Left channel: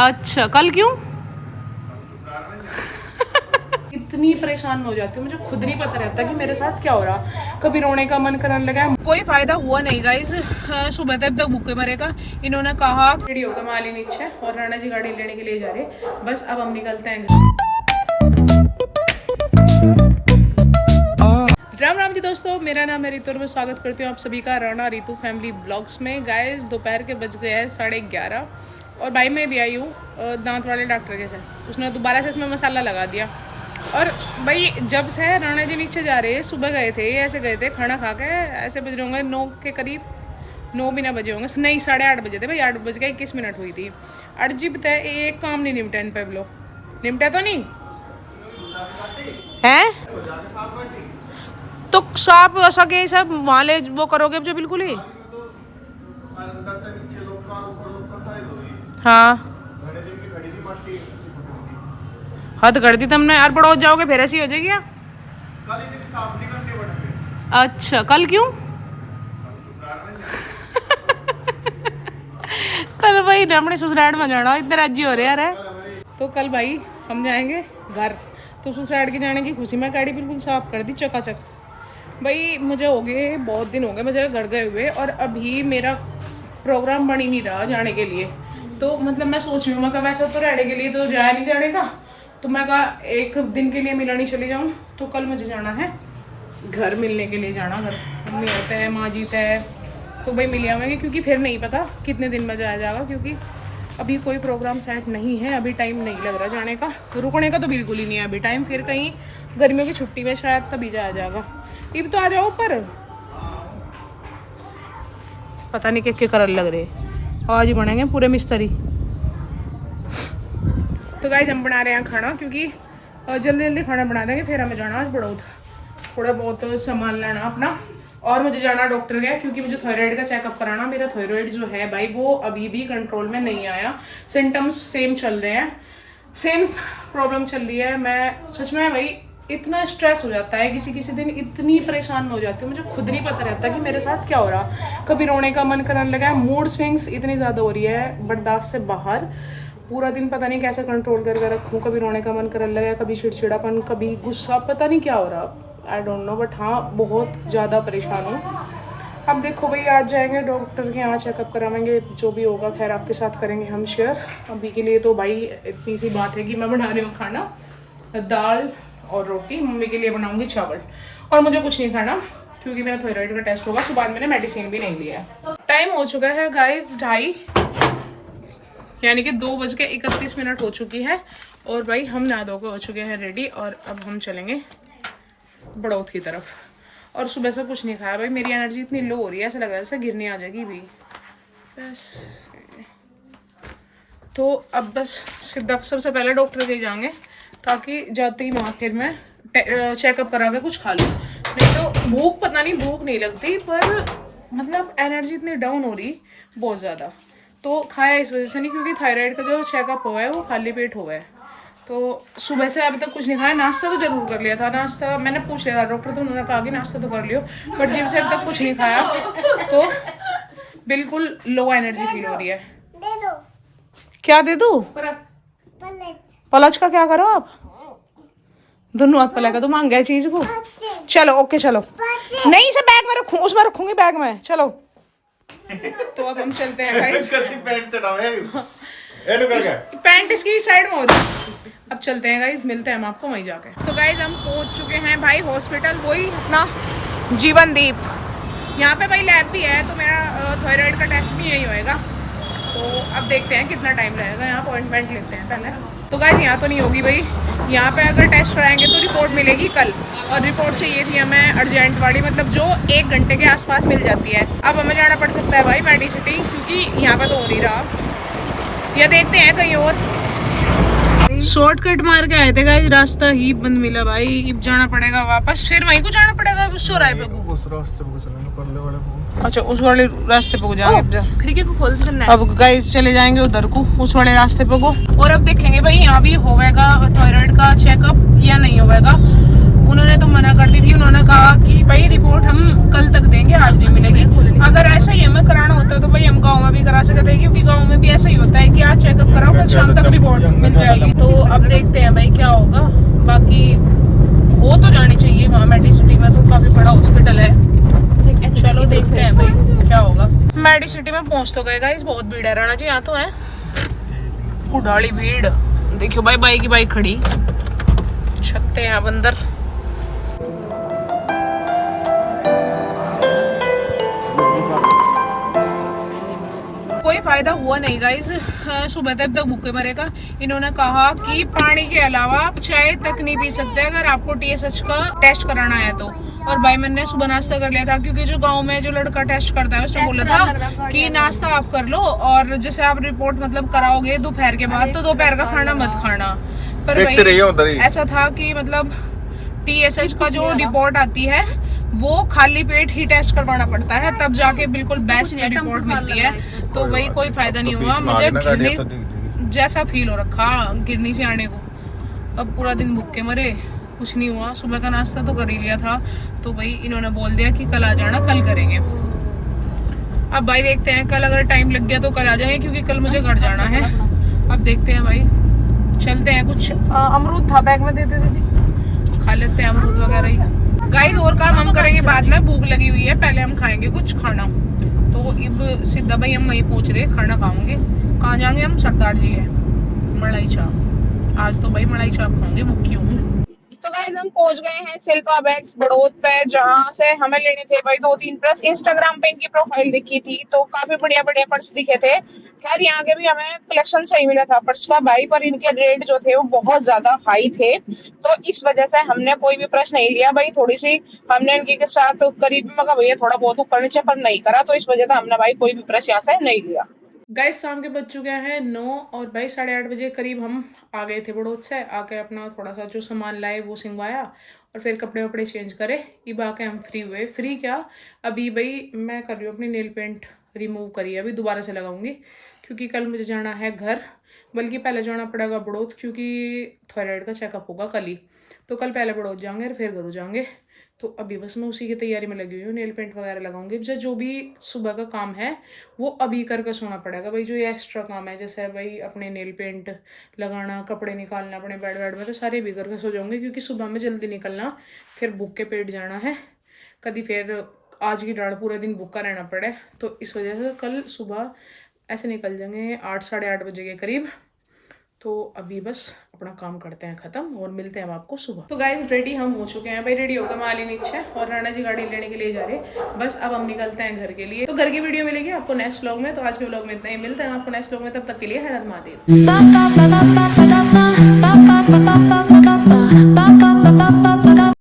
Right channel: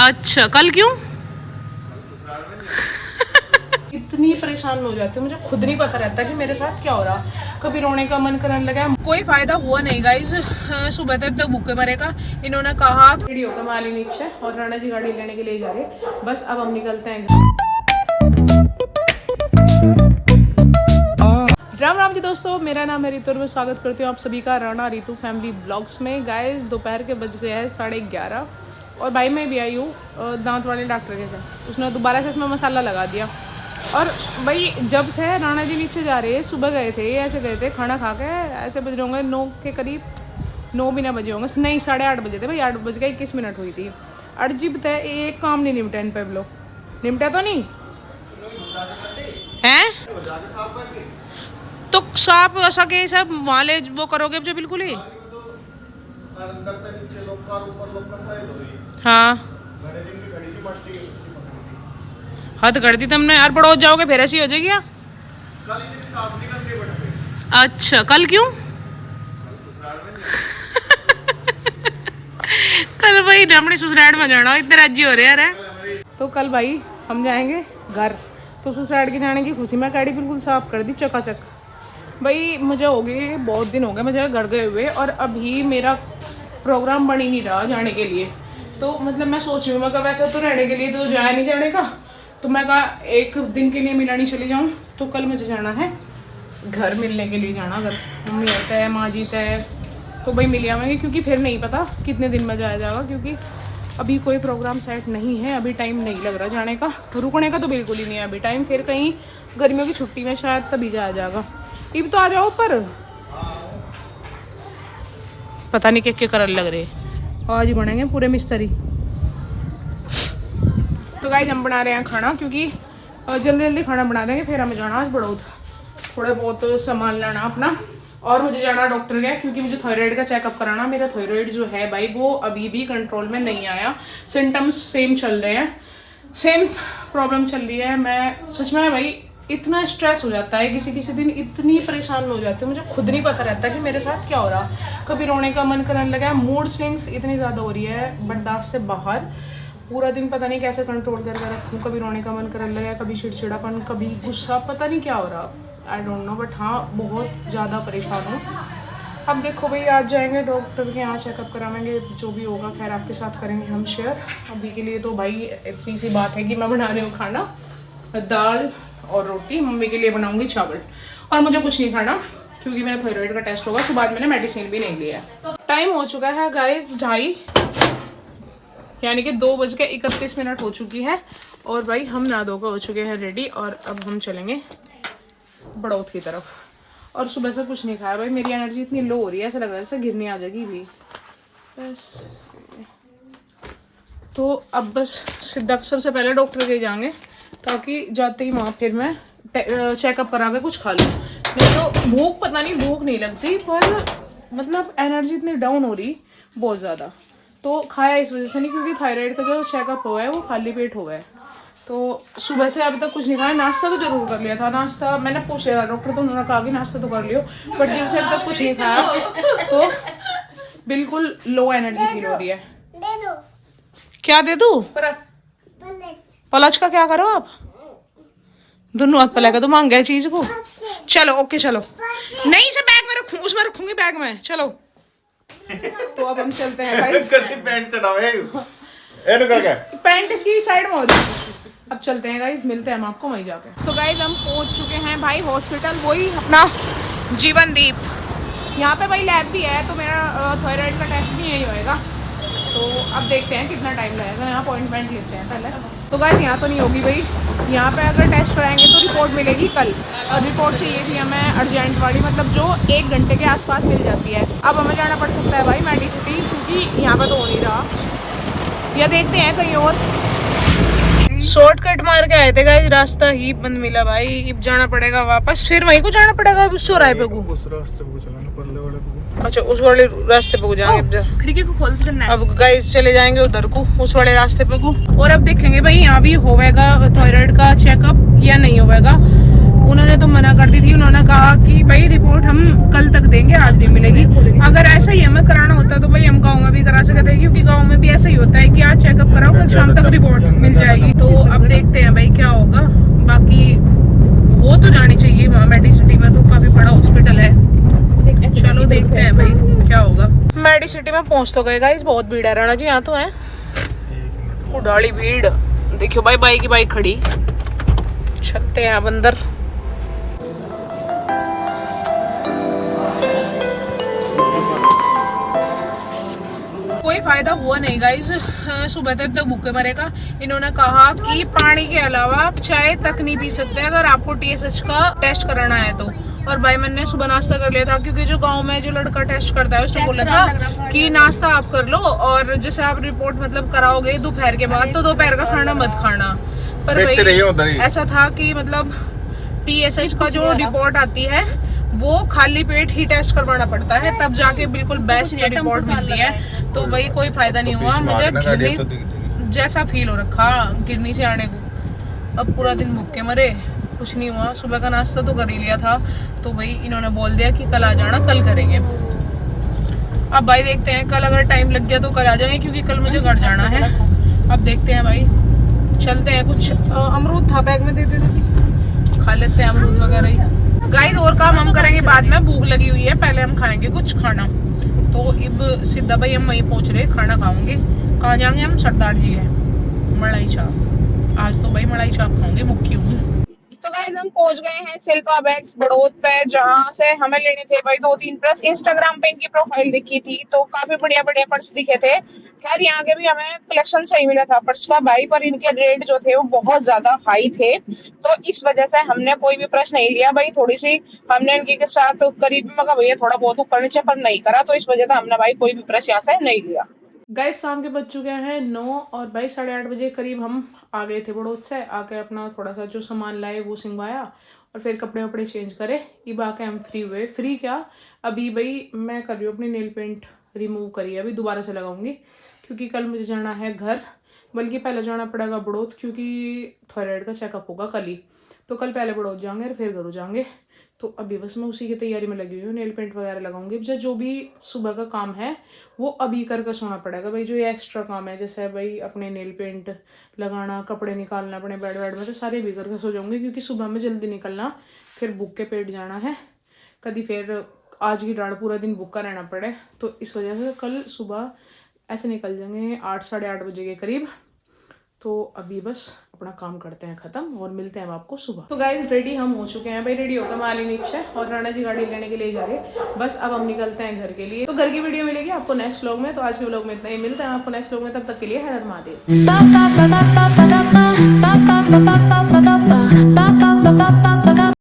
अच्छा, कल क्यों? इतनी परेशान हो जाती हूँ, मुझे खुद नहीं पता रहता कि मेरे साथ क्या हो रहा। कभी रोने का मन करने लगा, कोई फायदा हुआ नहीं गाइस। सुबह तक भूखे मरेगा। इन्होंने कहा वीडियो का माली नीचे और राणा जी गाड़ी लेने के लिए जा रहे। बस अब हम निकलते हैं। राम राम जी दोस्तों, मेरा नाम है रितु और मैं स्वागत करती हूँ आप सभी का राणा रितु फैमिली ब्लॉग्स में। गाइस दोपहर के बज गए हैं 11:30 और भाई मैं भी आई हूँ दांत वाले डॉक्टर के साथ। उसने दोबारा से इसमें मसाला लगा दिया। और भाई जब से राणा जी नीचे जा रहे हैं, सुबह गए थे, ऐसे गए थे खाना खा के, ऐसे बज रहे होंगे 9 के करीब, 9 भी ना बजे होंगे, नहीं 8:30 बजे थे भाई। 8:21 हुई थी। अर्जी बताए एक काम नहीं निपटा इन पे। लो निपटा तो नहीं है तो साफ सके सब वहाँ ले वो करोगे जो बिल्कुल ही। हाँ हद कर दी तुमने यार, बड़ो जाओगे फिर ऐसी हो जाएगी क्या? अच्छा कल क्यों? कल भाई ने अपने ससुराल में जाना, इतने राजी हो रहे यार है। तो कल भाई हम जाएंगे घर, तो ससुराल के जाने की खुशी में गाड़ी बिल्कुल साफ कर दी चकाचक। भाई मुझे हो गए बहुत दिन हो गए मुझे घर गए हुए, और अभी मेरा प्रोग्राम बन ही नहीं रहा जाने के लिए। तो मतलब मैं सोच रही हूँ, मैं वैसे तो रहने के लिए तो जाया नहीं जाने का, तो मैं कहा एक दिन के लिए मिलानी चली जाऊँ। तो कल मुझे जाना है घर, मिलने के लिए जाना घर। मम्मी होता है, माँ जीता है, तो भाई मिल आवेंगे, क्योंकि फिर नहीं पता कितने दिन में जाया जाएगा, क्योंकि अभी कोई प्रोग्राम सेट नहीं है, अभी टाइम नहीं लग रहा जाने का। रुकने का तो बिल्कुल ही नहीं है अभी टाइम, फिर कहीं गर्मियों की छुट्टी में शायद तभी जाया जाएगा। इब तो आ जाओ, पर पता नहीं क्या करल लग रहे। आज ही बनेंगे पूरे मिस्त्री। तो गाइस हम बना रहे हैं खाना, क्योंकि जल्दी जल्दी खाना बना देंगे, फिर हमें जाना आज बड़ौद, थोड़ा बहुत सामान लाना अपना। और मुझे जाना डॉक्टर का, क्योंकि मुझे थायराइड का चेकअप कराना। मेरा थायराइड जो है भाई वो अभी भी कंट्रोल में नहीं आया, सिम्टम्स सेम चल रहे हैं, सेम प्रॉब्लम चल रही है। मैं सच में भाई इतना स्ट्रेस हो जाता है किसी किसी दिन, इतनी परेशान हो जाती हूँ, मुझे खुद नहीं पता रहता कि मेरे साथ क्या हो रहा। कभी रोने का मन करने लगा, मूड स्विंग्स इतनी ज़्यादा हो रही है बर्दाश्त से बाहर। पूरा दिन पता नहीं कैसे कंट्रोल करके रखूँ, कभी रोने का मन करने लगा, कभी चिड़चिड़ापन, कभी गुस्सा, पता नहीं क्या हो रहा, आई डोंट नो। बट हाँ बहुत ज़्यादा परेशान हूँ। अब देखो भाई आज जाएंगे डॉक्टर के यहाँ, चेकअप कराएंगे, जो भी होगा खैर आपके साथ करेंगे हम शेयर। अभी के लिए तो भाई इतनी सी बात है कि मैं बना रही हूँ खाना, दाल और रोटी, मम्मी के लिए बनाऊंगी चावल, और मुझे कुछ नहीं खाना क्योंकि मेरा थायराइड का टेस्ट होगा। सुबह मैंने मेडिसिन भी नहीं लिया है। टाइम हो चुका है गाइस 2:30, यानी कि 2:31 हो चुकी है। और भाई हम नहा धोकर हो चुके हैं रेडी, और अब हम चलेंगे बड़ौद की तरफ। और सुबह से कुछ नहीं खाया भाई, मेरी एनर्जी इतनी लो हो रही है, ऐसा लग रहा है जैसे गिरने आ जाएगी भी बस। तो अब बस सीधा सबसे पहले डॉक्टर के जाएंगे, ताकि जाते ही वहाँ फिर मैं चेकअप करा के कुछ खा लूँ। नहीं तो भूख, पता नहीं भूख नहीं लगती, पर मतलब एनर्जी इतनी डाउन हो रही बहुत ज़्यादा। तो खाया इस वजह से नहीं, क्योंकि थायराइड का जो चेकअप हुआ है वो खाली पेट हुआ है। तो सुबह से अभी तक कुछ नहीं खाया। नाश्ता तो जरूर कर लिया था, नाश्ता मैंने पूछ लिया था डॉक्टर, तो उन्होंने कहा कि नाश्ता तो कर लियो, बट जिम से अभी तक कुछ नहीं खाया, तो बिल्कुल लो एनर्जी फील हो रही है। क्या दे दूँ? पलच का क्या करो आप? दोनों हाथ पलेगा तो मांग गया चीज को। चलो ओके चलो, नहीं से बैग में रखूँ, उसमें रखूंगी बैग में, चलो। तो अब हम चलते हैं गाइस। पैंट इसकी साइड में होती है। अब चलते हैं गाइस, मिलते हैं हम आपको वहीं जाके। तो गाइस हम पहुंच चुके हैं भाई हॉस्पिटल, वही अपना जीवनदीप। यहाँ पे भाई लैब भी है, तो मेरा थायराइड का टेस्ट भी यही होएगा। तो अब देखते हैं कितना टाइम लगेगा, यहाँ अपॉइंटमेंट लेते हैं पहले। तो गाइस यहाँ तो नहीं होगी भाई, यहाँ पे अगर टेस्ट कराएंगे तो रिपोर्ट मिलेगी कल, और रिपोर्ट चाहिए थी हमें अर्जेंट वाली, मतलब जो 1 घंटे के आसपास मिल जाती है। अब हमें जाना पड़ सकता है भाई मेडिसिटी, क्योंकि यहाँ पे तो हो नहीं रहा, या देखते हैं कहीं और। शॉर्टकट मार के आए थे गाइस, रास्ता ही बंद मिला भाई। अब जाना पड़ेगा वापस, फिर वहीं को जाना पड़ेगा उस रास्ते पे। अच्छा उस वाले रास्ते पे जाएंगे, खिड़की को खोल के चलना है। अब गाइस चले जाएंगे उधर को, उस वाले रास्ते पे को, और अब देखेंगे भाई यहाँ भी होगा थायराइड का चेकअप या नहीं होगा। उन्होंने तो मना कर दी थी। उन्होंने कहा कि भाई रिपोर्ट हम कल तक देंगे, आज नहीं मिलेगी। अगर ऐसा ही हमें कराना होता तो भाई हम गाँव में भी करा सकते हैं, क्योंकि गाँव में भी ऐसा ही होता है कि आज चेकअप कराओ, कल शाम तक रिपोर्ट मिल जाएगी। तो अब देखते हैं भाई क्या होगा। बाकी हो तो जानी चाहिए वहाँ मेडिसिटी में, तो काफी बड़ा हॉस्पिटल है। चलो देखते हैं भाई क्या होगा। मेडिसिटी में पहुंच तो गए गाइस, बहुत भीड़ है राणा जी, यहाँ तो है कुडाली भीड़। देखियो भाई बाइक की बाइक खड़ी, चलते हैं अब अंदर। कोई फायदा हुआ नहीं गाइस, सुबह तक भूखे मरेगा। इन्होंने कहा कि पानी के अलावा आप चाय तक नहीं पी सकते अगर आपको TSH का टेस्ट कराना है तो। और भाई मैंने सुबह नाश्ता कर लिया था, क्योंकि जो गांव में जो लड़का टेस्ट करता है उसने बोला था कि नाश्ता आप कर लो, और जैसे आप रिपोर्ट मतलब कराओगे दोपहर के बाद, तो दोपहर का खाना मत खाना। पर भाई ऐसा था कि मतलब TSH का जो रिपोर्ट आती है वो खाली पेट ही टेस्ट करवाना पड़ता है, तब जाके बिल्कुल बेस्ट रिपोर्ट मिलती है। तो वही कोई फायदा नहीं हुआ, मुझे गिरनी जैसा फील हो रखा गिरनी से आने को। अब पूरा दिन भूखे मरे, कुछ नहीं हुआ। सुबह का नाश्ता तो कर ही लिया था, तो भाई इन्होंने बोल दिया कि कल आ जाना, कल करेंगे। अब भाई देखते हैं, कल अगर टाइम लग गया तो कल आ जाएंगे, क्योंकि कल मुझे घर जाना है। अब देखते हैं भाई, चलते हैं। कुछ अमरूद था बैग में, दे देती, खा लेते हैं अमरूद वगैरह ही। गाइस और काम हम करेंगे बाद में, भूख लगी हुई है, पहले हम खाएंगे कुछ खाना। तो अब सीधा भाई हम वहीं पहुंच रहे, खाना खाओगे। कहाँ जाएंगे हम? सरदार जी है, मलाई चाप। आज तो भाई मलाई चाप खाऊंगी, भूखी हूँ। तो गाइस हम पहुंच गए हैं शिल्पा बैग्स बड़ौद पे, जहाँ से हमें लेने थे भाई 2-3 पर्स। इंस्टाग्राम पे इनकी प्रोफाइल दिखी थी तो काफी बढ़िया बढ़िया पर्स दिखे थे। खैर यहाँ के भी हमें कलेक्शन सही मिला था पर्स का भाई, पर इनके रेट जो थे वो बहुत ज्यादा हाई थे, तो इस वजह से हमने कोई भी पर्स नहीं लिया भाई। थोड़ी सी हमने इनके के साथ करीब में भैया थोड़ा बहुत ऊपर नीचे, पर नहीं करा, तो इस वजह से हमने भाई कोई भी पर्स यहाँ से नहीं लिया। गाइस शाम के बज चुके हैं 9 और भाई 8:30 बजे करीब हम आ गए थे बड़ौद से। आके अपना थोड़ा सा जो सामान लाए वो सिंगवाया और फिर कपड़े वपड़े चेंज करे। अब आके हम फ्री हुए। फ्री क्या, अभी भाई मैं कर रही हूँ अपनी नेल पेंट रिमूव करी है, अभी दोबारा से लगाऊंगी, क्योंकि कल मुझे जाना है घर। बल्कि पहले जाना पड़ेगा बड़ौद, क्योंकि थायराइड का चेकअप होगा कल ही, तो कल पहले बड़ौद जाएंगे और फिर घर जाएंगे। तो अभी बस मैं उसी की तैयारी में लगी हुई हूँ, नेल पेंट वगैरह लगाऊंगी। जो भी सुबह का काम है वो अभी करके सोना पड़ेगा भाई। जो ये एक्स्ट्रा काम है, जैसे भाई अपने नेल पेंट लगाना, कपड़े निकालना अपने बेड में, तो सारे भी करके सो जाऊंगी, क्योंकि सुबह में जल्दी निकलना, फिर भूख के पेट जाना है। कभी फिर आज की डाढ़ पूरा दिन भूखा रहना पड़े, तो इस वजह से कल सुबह ऐसे निकल जाएंगे 8 साढ़े 8 बजे के करीब। तो अभी बस अपना काम करते हैं खत्म और मिलते हैं आपको सुबह। तो गाइस रेडी हम हो चुके हैं भाई, रेडी होकर माली नीचे और राणा जी गाड़ी लेने के लिए जा रहे। बस अब हम निकलते हैं घर के लिए। तो घर की वीडियो मिलेगी आपको नेक्स्ट व्लॉग में, तो आज के व्लॉग में इतना ही। मिलते हैं आपको नेक्स्ट व्लॉग में, तब तक के लिए हर हर महादेव।